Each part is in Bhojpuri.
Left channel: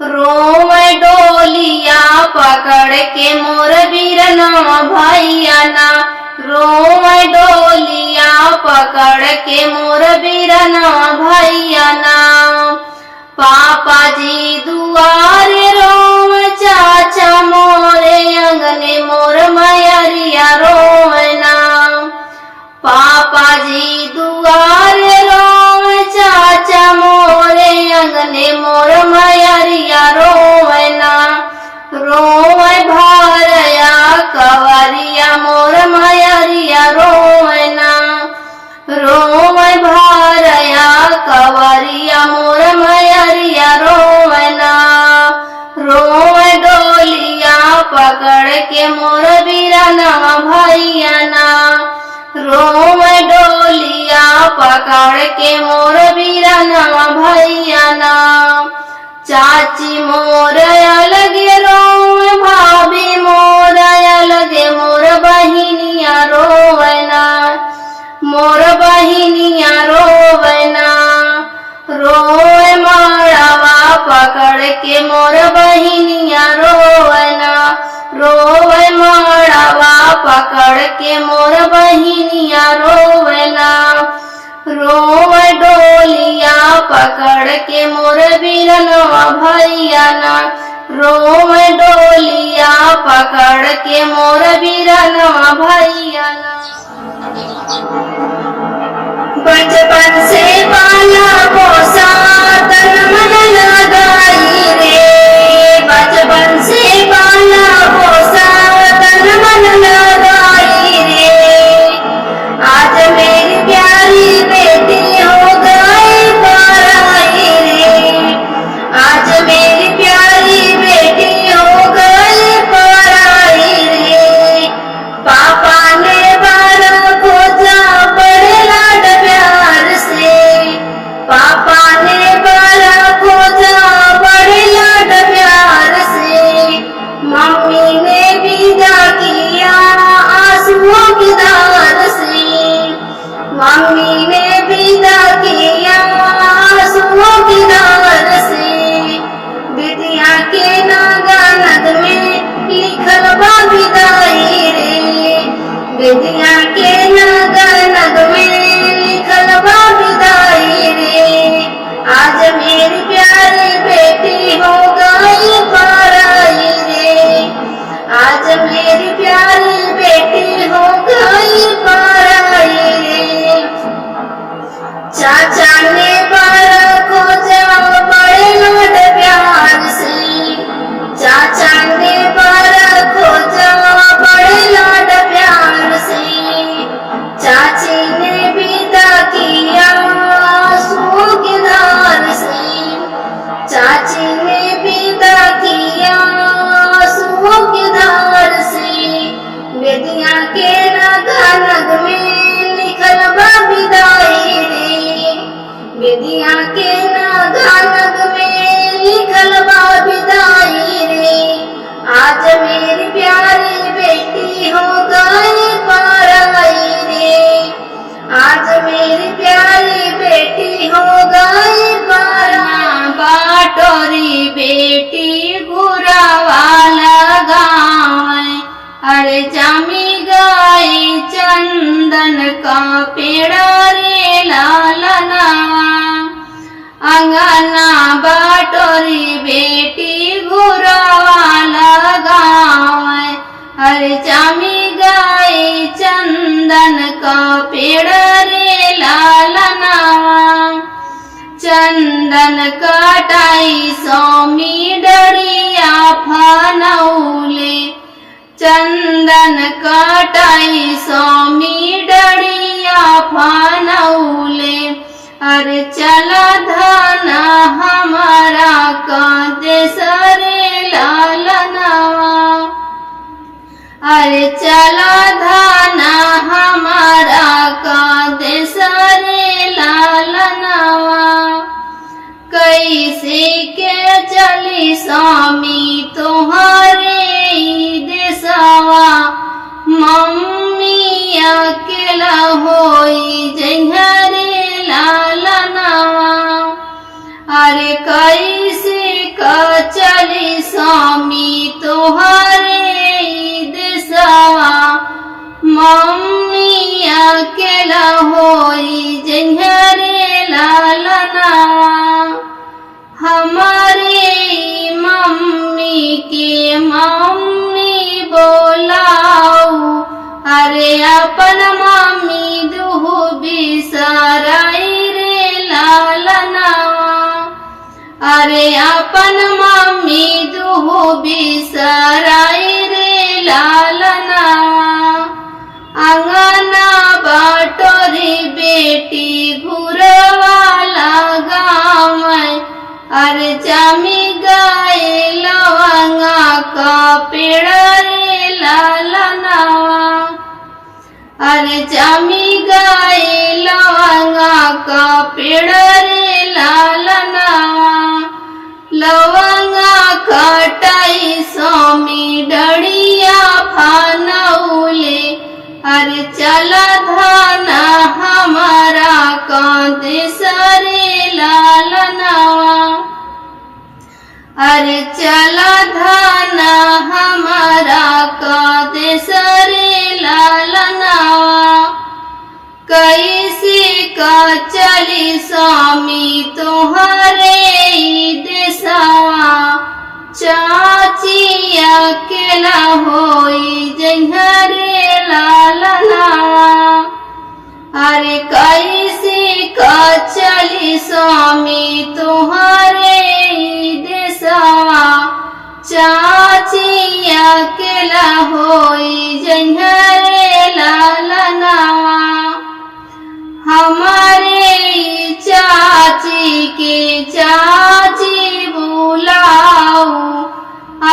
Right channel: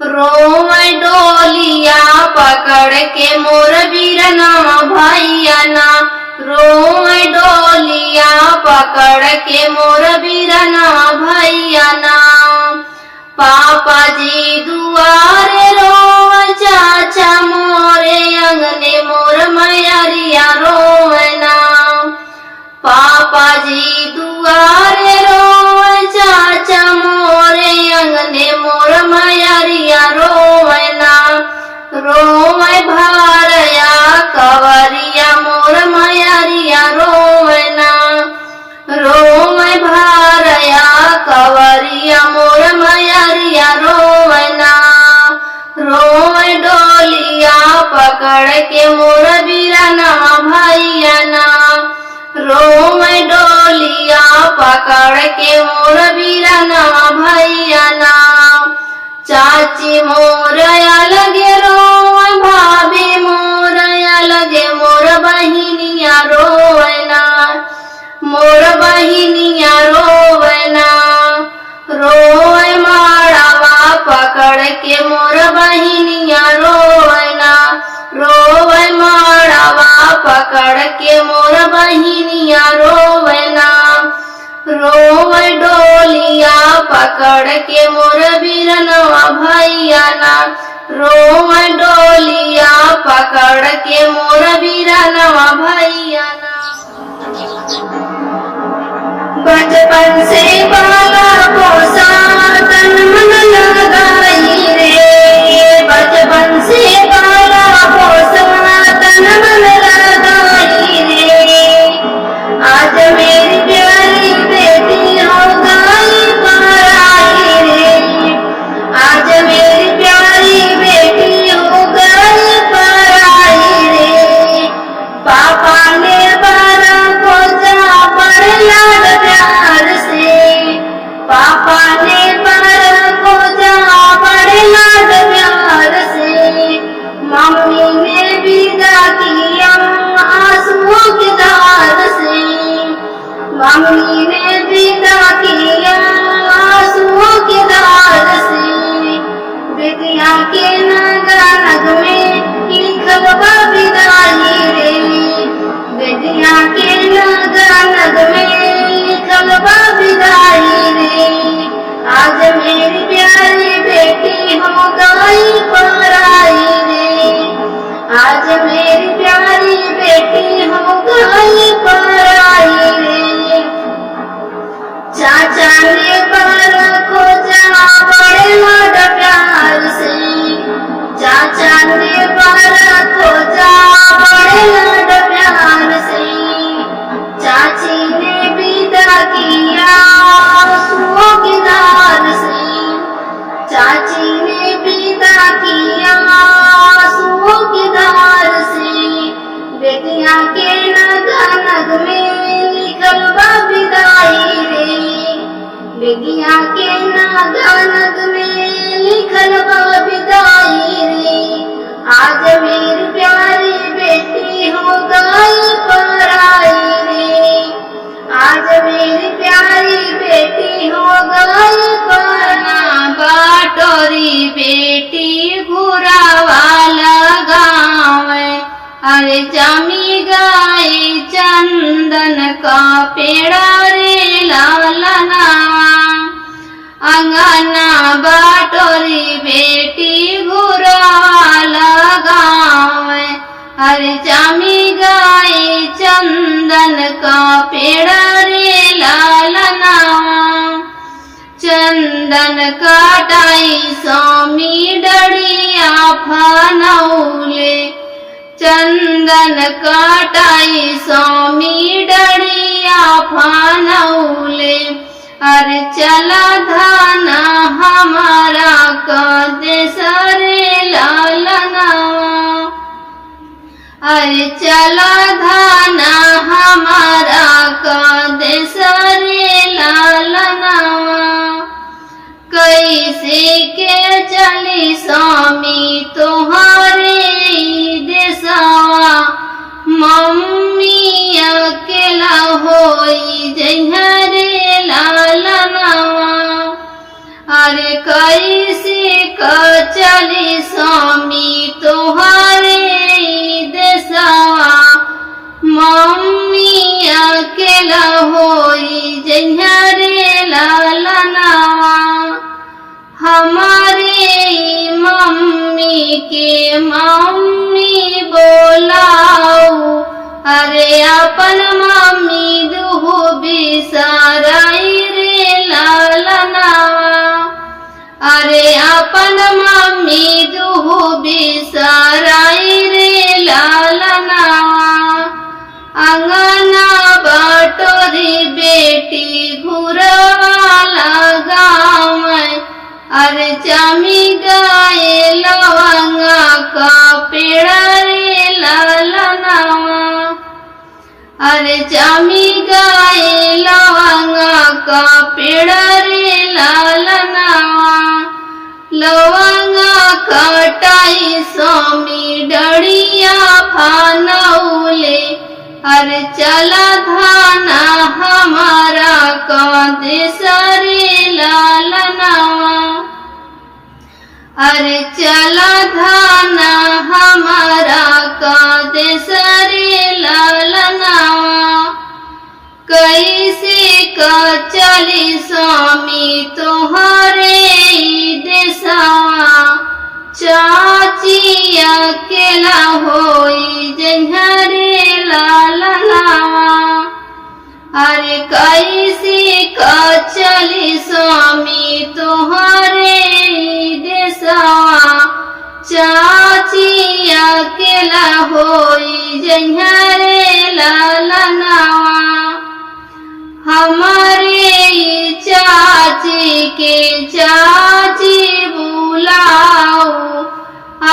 रोवे डोलिया पकड़ के मोर बीरना भैया ना, रोवे डोलिया पकड़ के मोर बीरना भैया ना। पापा जी दुआरे रोवे चाचा मोरे अंगने मोर मैरिया रोवे ना। पापा जी दुआरे रोवे चाचा मोरे अंगने मोर मैरिया रोवे ना। रोवे भारया कवरिया मोर मैरिया रोवे ना। रोवे भारया कवरिया मोर मैरिया रोवे ना। रोवे डोलिया पकड़ के मोर बीरना भैया ना। रोवे डोलिया पकड़ के मोर बीरना भैया ना। चाची मोर अलगे रोवे भाभी मोर अलगे मोर बहिनिया रोवे ना। मोर बहिनिया रोवे ना। रोवे माड़ावा पकड़ के मोर बहिनिया रोवे ना। रोवे माड़ावा पकड़ के मोर बहिनिया रोवे ना। रोवे डोलिया पकड़ के मोर बीरनवा भैया ना। रोवे डोलिया पकड़ के मोर बीरनवा भैया ना। बचपन से पाला पोसा तन मन लगाई रे। बचपन से पाला पोसा तन मन लगाई रे। आज मेरी प्यारी बेटी हो गई पराई रे। आज मेरी प्यारी बेटी हो गई पराई रे। पापा ने बारा खोजा बड़े लाड प्यार से। पापा ने बारा खोजा बड़े लाड प्यार से। मम्मी ने विदा किया आंसुओं की धार से। मम्मी ने विदा किया आंसुओं की धार से। विद्या के नागा नग में लिखल बा विदाई रे। विद्या के नागा नग में लिखल बा विदाई रे। आज मेरी प्यारी बेटी हो गई पराई रे। आज मेरी प्यारी बेटी हो गई पराई रे। चाचा ने बारा खोजा बड़े लाड प्यार से। चाचा ने बारा खोजा बड़े लाड प्यार से। चाची ने विदा किया आंसुओं की धार से। चाची ने विदा किया आंसुओं की धार से। बेटियां के नगा नग में लिखल बा विदाई रे। बेटियां के नगा नग में लिखल बा विदाई रे। आज मेरी प्यारी बेटी हो गई पराई रे। आज मेरी प्यारी बेटी हो गई पराई। बाटोरी बेटी घुरावाला गाँव। अरे जामी गाई चंदन का पेड़ा रे लालना। अंगना बाटोरी बेटी घुरावाला गाँव। अरे जामी गाई चंदन का पेड़ा रे लालना। चंदन काटाई स्वामी डड़िया फनौले। चंदन काटाई स्वामी डड़िया फनौले। अरे चला धाना हमारा का देसरे लालनावा। अरे चला धाना हमारा का देसरे लालनावा। कैसे के चली स्वामी तुम्हारे देसवा। मम्मी अकेला होई जहरे लालनावा। अरे कैसे का लालनावा हमारे मम्मी के मम्मी बोलाऊ अरे अपन मम्मी दुहु बिसराई रे लालनावा अरे अपन मम्मी दुहु बिसराई रे लालनावा अंगना बटोरी बेटी घुरवाला गाँव अरे जामी गाये लवंगा का पेड़ रे लालनावा अरे जामी गाये लवंगा का पेड़ रे लालनावा लवंगा खटाई स्वामी डड़िया फानौले अरे चला धाना हमारा कांदे सारे लालनावा अरे चला धाना हमारा कांदे सारे लालनावा कैसे का चली स्वामी तुम्हारे देसावा चाची अकेला होई जहरे लालनावा अरे कैसे का चली स्वामी तुम्हारे देसावा चाची अकेला होई जहरे लालनावा हमारे चाची के चाची बुलाऊ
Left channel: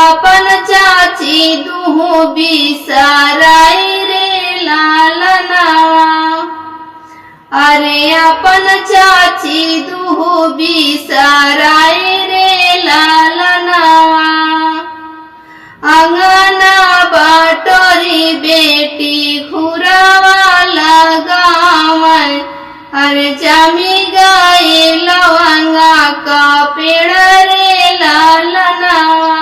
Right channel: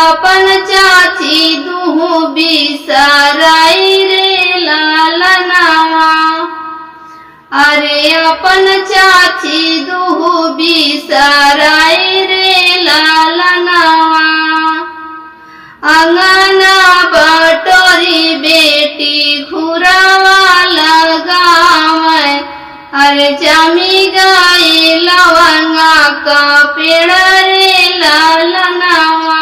अपन चाची दुहु बिसराई रे लालनावा अरे अपन चाची दुहु बिसराई रे लालनावा अंगना बटोरी बेटी घुरावाला गाँव अरे जामी गाये लवंगा का पेड़ रे लालनावा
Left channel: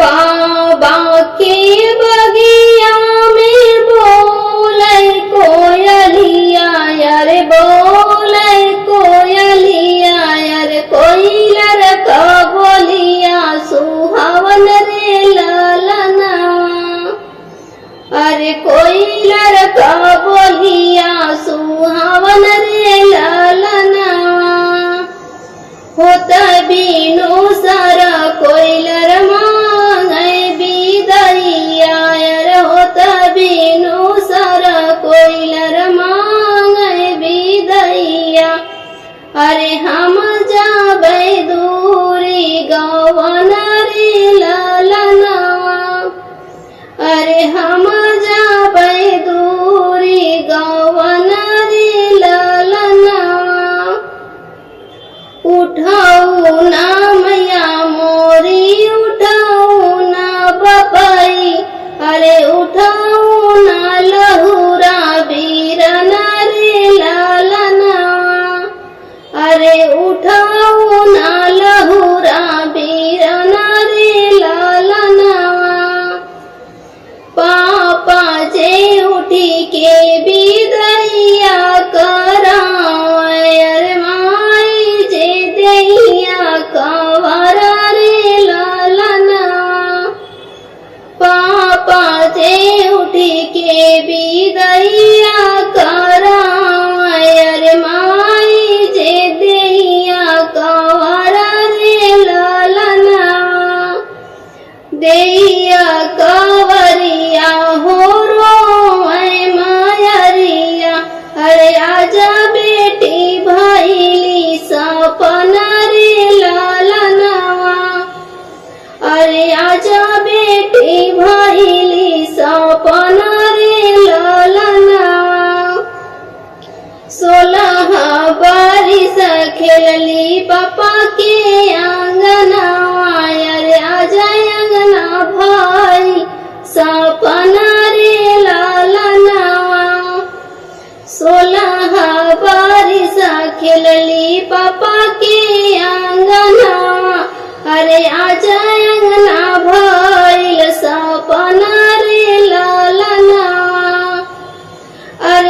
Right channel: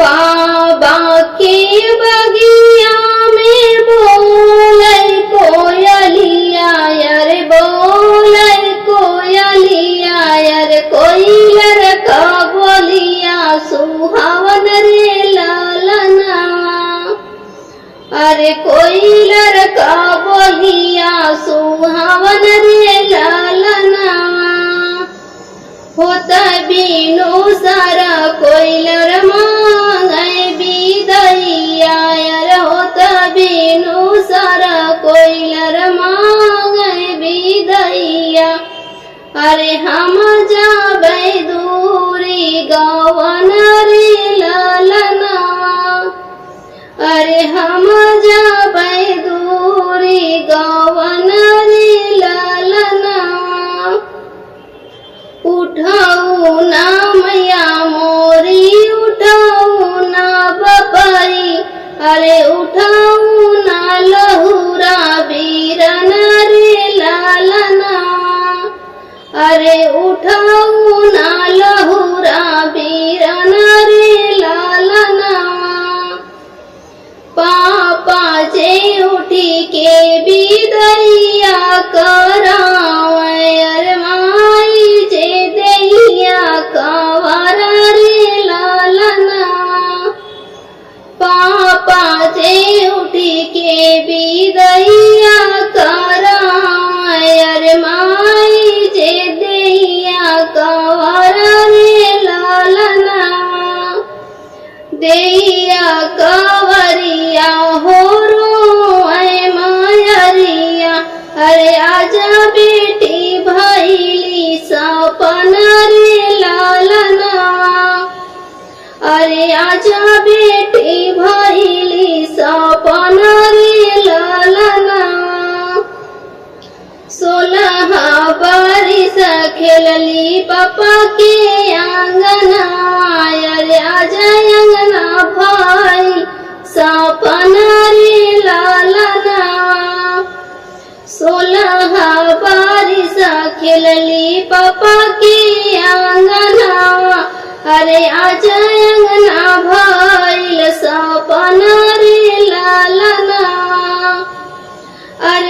बाबा के बगिया में बोले कोयलिया यार बोले कोयलिया यार कोयलर का बोलिया सुहावन रे लालनावा अरे कोयलर का बोलिया सुहावन रे लालनावा होता बीनो सारा कोयलर मांगे बिदैया यार होता बीनो सारा कोयलर मांगे बिदैया अरे हम जाबे दूरी गवन रे लालनावा अरे हम जाबे दूरी गवन रे लालनावा उठाऊ ना मैया मोरी उठाऊ ना बपाई अरे उठाऊ ना लहुरा बीरन रे लालनावा अरे उठाऊ ना लहुरा बीरन रे लालनावा पापा जे उठी के बिदैया कराव अरे माई जे दैया कवारा रे लालनावा पापा जे उठी के बिदैया कराव अरे माई जे दैया कवारा रे लालनावा दैया कवरिया हो रो मायरिया अरे आजा बेटी भैली सपना रे लालनावा अरे आजा बेटी भैली सपना रे लालनावा 16 बारिश खेलली पापा के आंगनवा अरे आजा अंगना भाई सपना रे लालनावा 16 बारिश खेलली पापा के आंगनवा अरे आजा अंगना भइल सपना रे लालनावा अरे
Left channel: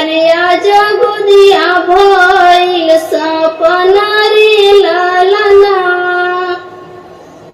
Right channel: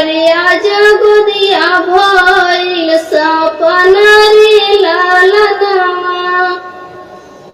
अरे आजा गोदिया भइल सपना